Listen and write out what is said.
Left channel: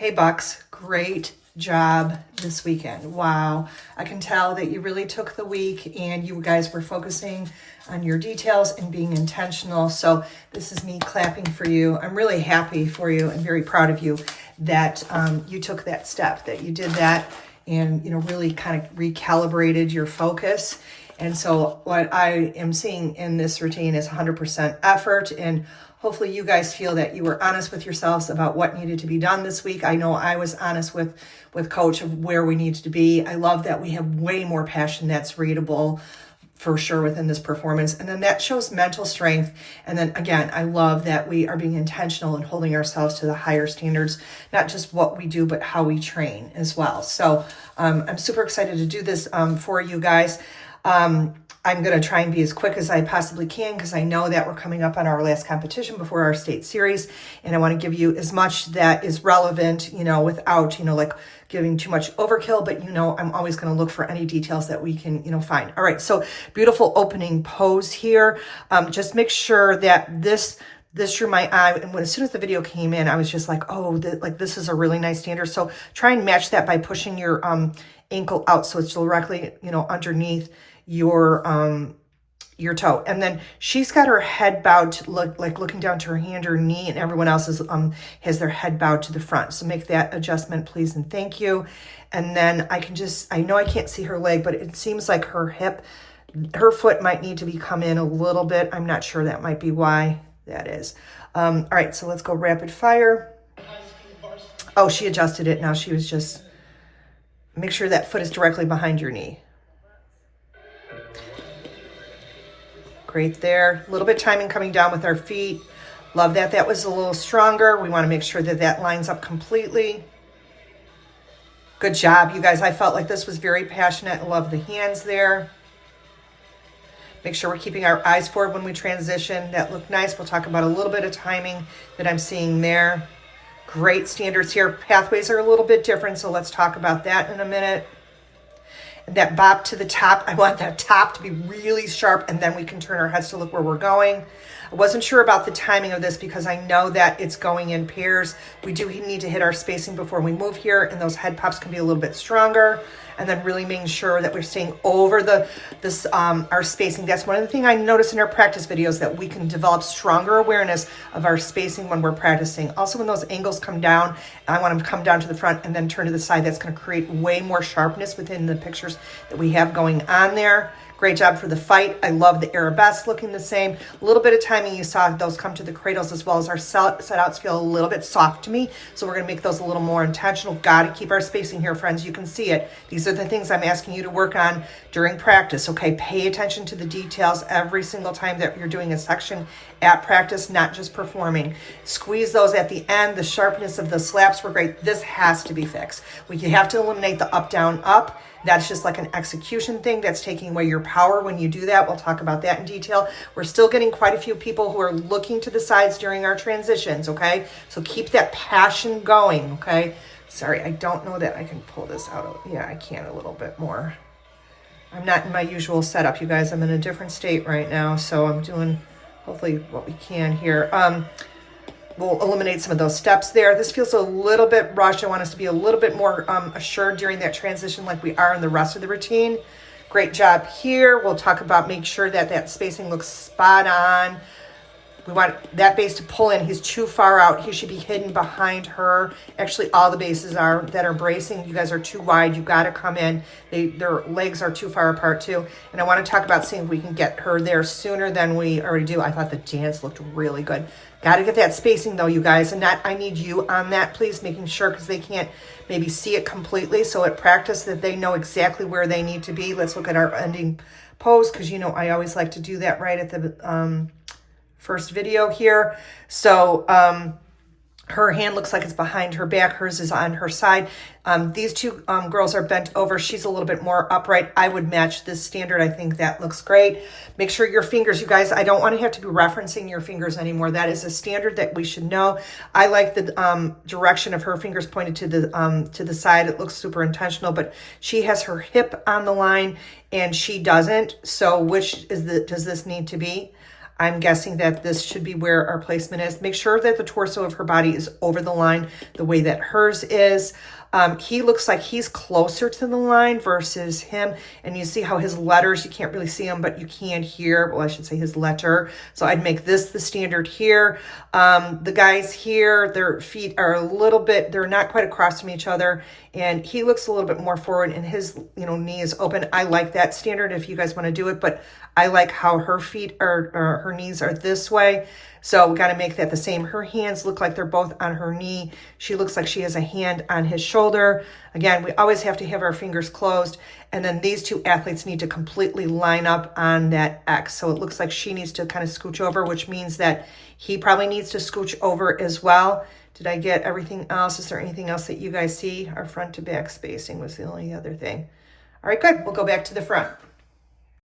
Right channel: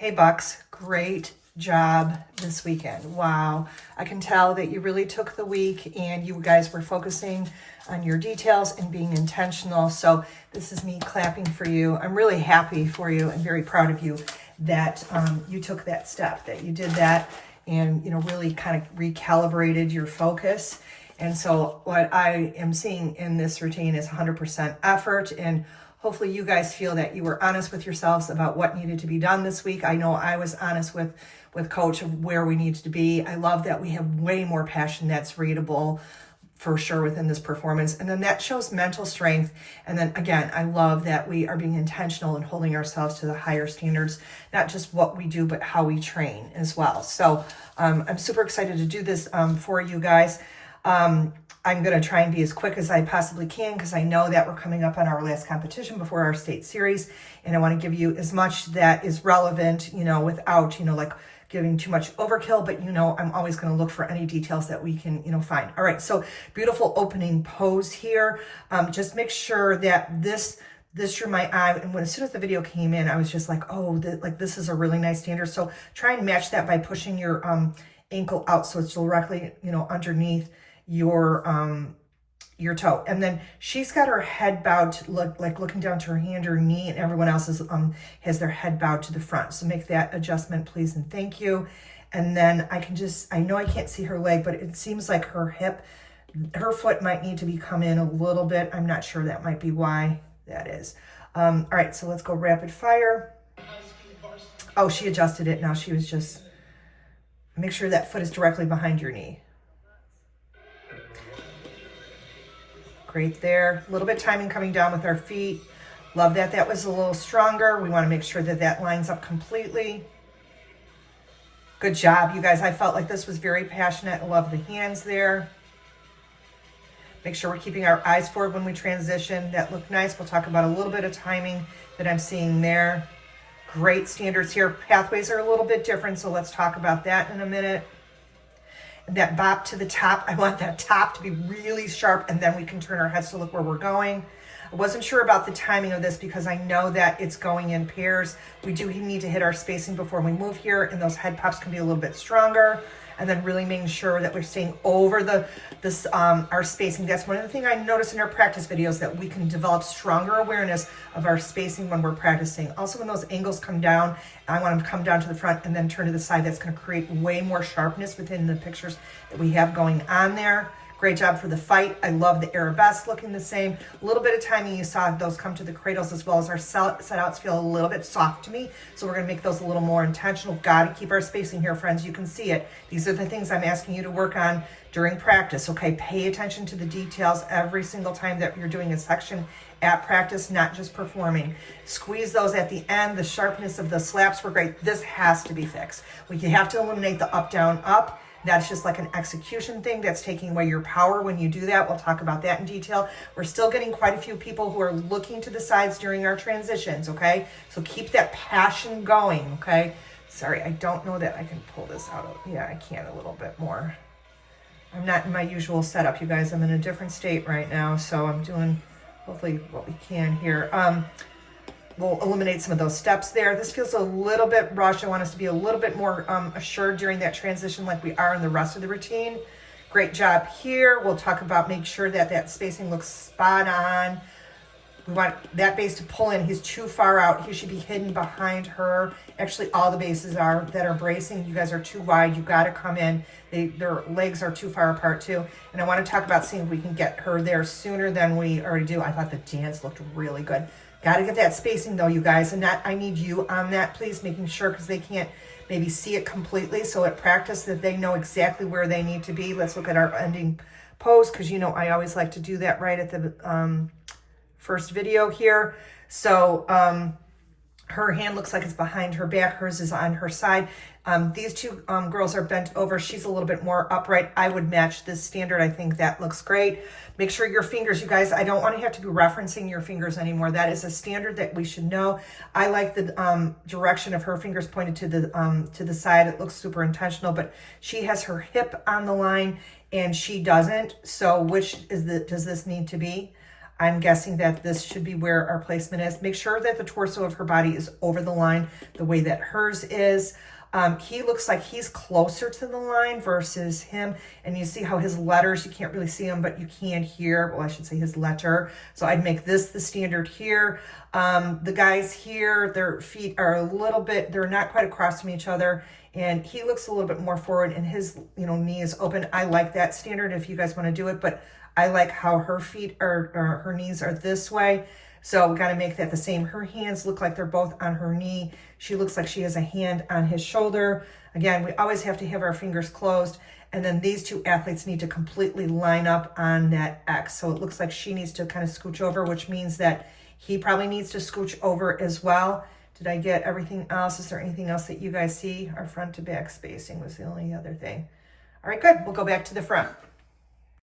Hey Bucks, great job this weekend. Wow. I can tell that you really took the week and you guys were focusing on your details and being intentional. So this is me clapping for you. I'm really happy for you and very proud of you that you took that step, that you did that and, really kind of recalibrated your focus. And so what I am seeing in this routine is 100% effort, and hopefully you guys feel that you were honest with yourselves about what needed to be done this week. I know I was honest with Coach of where we needed to be. I love that we have way more passion that's readable for sure within this performance. And then that shows mental strength. And then again, I love that we are being intentional and holding ourselves to the higher standards, not just what we do, but how we train as well. So I'm super excited to do this for you guys. I'm going to try and be as quick as I possibly can because I know that we're coming up on our last competition before our state series. And I want to give you as much that is relevant, without, like giving too much overkill, but I'm always going to look for any details that we can, find. All right. So beautiful opening pose here. Just make sure that this drew my eye. And as soon as the video came in, I was just like, oh, this is a really nice standard. So try and match that by pushing your, ankle out. So it's directly, underneath your toe. And then she's got her head bowed to looking down to her hand or knee, and everyone else has their head bowed to the front. So make that adjustment, please, and thank you. And then I know I can't see her leg, but it seems like her foot might need to come in a little bit. I'm not sure. That might be why that is. All right, so let's go rapid fire. Oh, she adjusted it. Now she was just, make sure that foot is directly behind your knee. Great there. A little bit timing coming down with our feet. Love that. That was a little stronger. We want to make sure that lines up completely. Good job, you guys. I felt like this was very passionate. I love the hands there. Make sure we're keeping our eyes forward when we transition. That looked nice. We'll talk about a little bit of timing that I'm seeing there. Great standards here. Pathways are a little bit different, so let's talk about that in a minute. And that bop to the top, I want that top to be really sharp, and then we can turn our heads to look where we're going. I wasn't sure about the timing of this because I know that it's going in pairs. We do need to hit our spacing before we move here, and those head pops can be a little bit stronger. And then really making sure that we're staying over our spacing. That's one of the things I noticed in our practice videos, that we can develop stronger awareness of our spacing when we're practicing. Also, when those angles come down, I want them to come down to the front and then turn to the side. That's going to create way more sharpness within the pictures that we have going on there. Great job for the fight. I love the arabesque looking the same. A little bit of timing, you saw those come to the cradles, as well as our set outs feel a little bit soft to me. So we're gonna make those a little more intentional. Gotta keep our spacing here, friends. You can see it. These are the things I'm asking you to work on during practice, okay? Pay attention to the details every single time that you're doing a section at practice, not just performing. Squeeze those at the end. The sharpness of the slaps were great. This has to be fixed. We have to eliminate the up, down, up. That's just like an execution thing. That's taking away your power when you do that. We'll talk about that in detail. We're still getting quite a few people who are looking to the sides during our transitions, okay? So keep that passion going, okay? Sorry, I don't know that I can pull this out. Yeah, I can a little bit more. I'm not in my usual setup, you guys. I'm in a different state right now, so I'm doing hopefully what we can here. We'll eliminate some of those steps there. This feels a little bit rushed. I want us to be a little bit more assured during that transition like we are in the rest of the routine. Great job here. We'll talk about make sure that spacing looks spot on. We want that base to pull in. He's too far out. He should be hidden behind her. Actually, all the bases that are bracing. You guys are too wide. You got to come in. Their legs are too far apart too. And I want to talk about seeing if we can get her there sooner than we already do. I thought the dance looked really good. Got to get that spacing though, you guys. And I need you on that, please, making sure, because they can't maybe see it completely. So at practice that they know exactly where they need to be. Let's look at our ending pose, because I always like to do that right at the first video here. So her hand looks like it's behind her back. Hers is on her side. These two girls are bent over. She's a little bit more upright. I would match this standard. I think that looks great. Make sure your fingers, you guys, I don't want to have to be referencing your fingers anymore. That is a standard that we should know. I like the direction of her fingers pointed to the side. It looks super intentional, but she has her hip on the line and she doesn't. So which does this need to be? I'm guessing that this should be where our placement is. Make sure that the torso of her body is over the line the way that hers is. He looks like he's closer to the line versus him. And you see how his letters, you can't really see them, but you can here. Well, I should say his letter. So I'd make this the standard here. The guys here, their feet are a little bit, they're not quite across from each other. And he looks a little bit more forward and his, knee is open. I like that standard if you guys want to do it, but I like how her feet are, or her knees are this way. So we got to make that the same. Her hands look like they're both on her knee. She looks like she has a hand on his shoulder. Again, we always have to have our fingers closed. And then these two athletes need to completely line up on that X. So it looks like she needs to kind of scooch over, which means that he probably needs to scooch over as well. Did I get everything else? Is there anything else that you guys see? Our front to back spacing was the only other thing. All right, good. We'll go back to the front.